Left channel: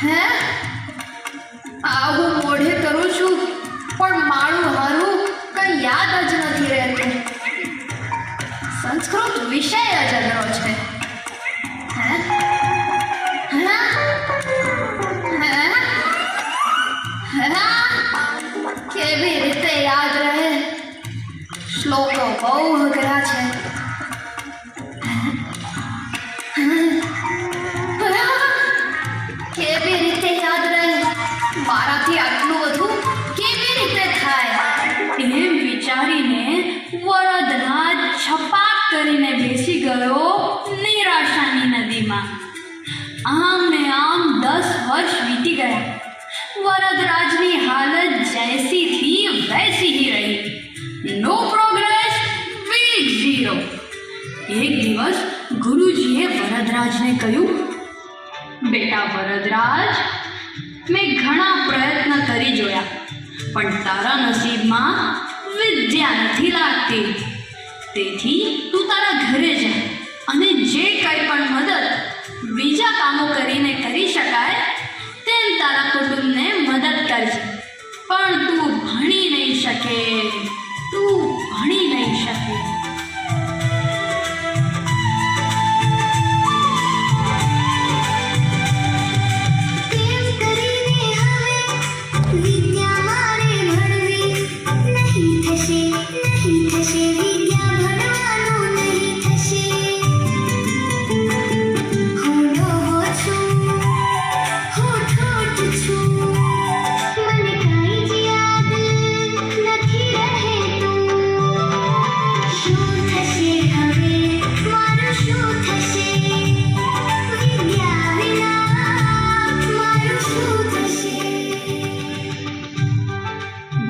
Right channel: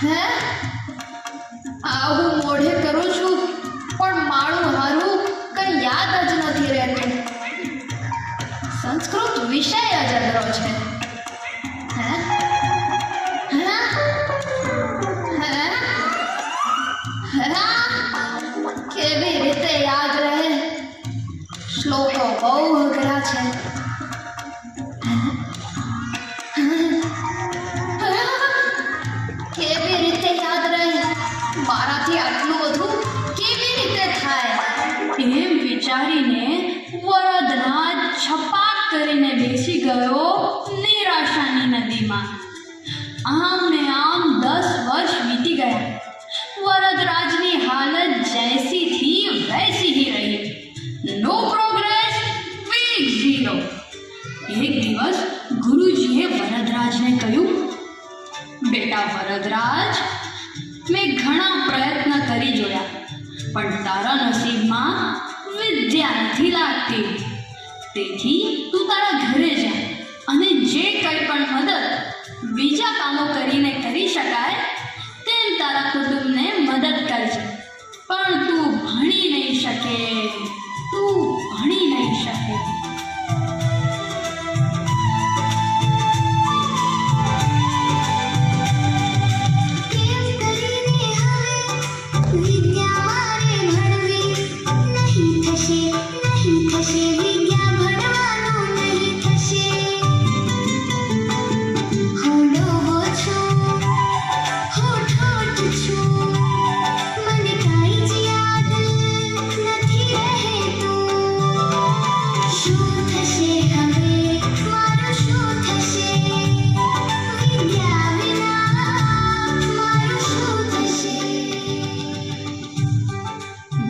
હે આવું મોઢે કરું છું પણ મારું હારું કંઈ યાદ જ નથી રહેતું. સંસ્કૃત વિષય જ અઘરો છે. હે હે હે હે કેવી રીતે યાદ રહે? શ્લોકો બહુ અઘરા છે. કેવી રીતે યાદ રહે? મારાથી આટલું બધું કેવી રીતે થાય? એમ વિચારીને વરદરાજ છપાક કરીને બેસી ગયો નિરાશાની નદીમાં. આમ ને આમ 10 વર્ષ વીતી ગયા. વરદરાજની હાલત જૈસી થી વૈસી ही રહી. નો પ્રોગ્રેસ, વીક ઝીરો. એક દિવસ ગુરુજીએ વરદરાજને કહ્યું, બેટા વરદરાજ, મેં ઘણા પ્રયત્ન કરી જોયા પણ તારા નસીબમાં વિદ્યા નથી લાગતી. તેથી તું તારા ઘરે જા અને જે કંઈ પણ મદદ બીજા કામો કરીને કરી શકાય તેમ તારા કુટુંબને મદદ કરજે. પણ તું ભણી નહીં શકે.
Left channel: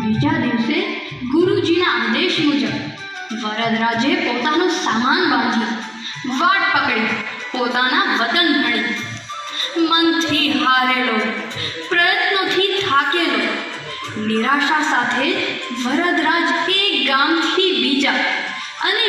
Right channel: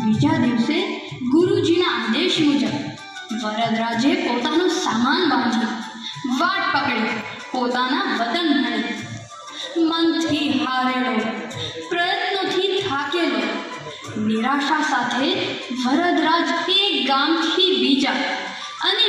બીજા દિવસે ગુરુજીના આદેશ મુજબ વરદરાજે પોતાનો સામાન બાંધી વાટ પકડી પોતાના વતન ભણી. મનથી હારેલો, પ્રયત્નોથી થાકેલો, નિરાશા સાથે વરદરાજ એક ગામથી બીજા અને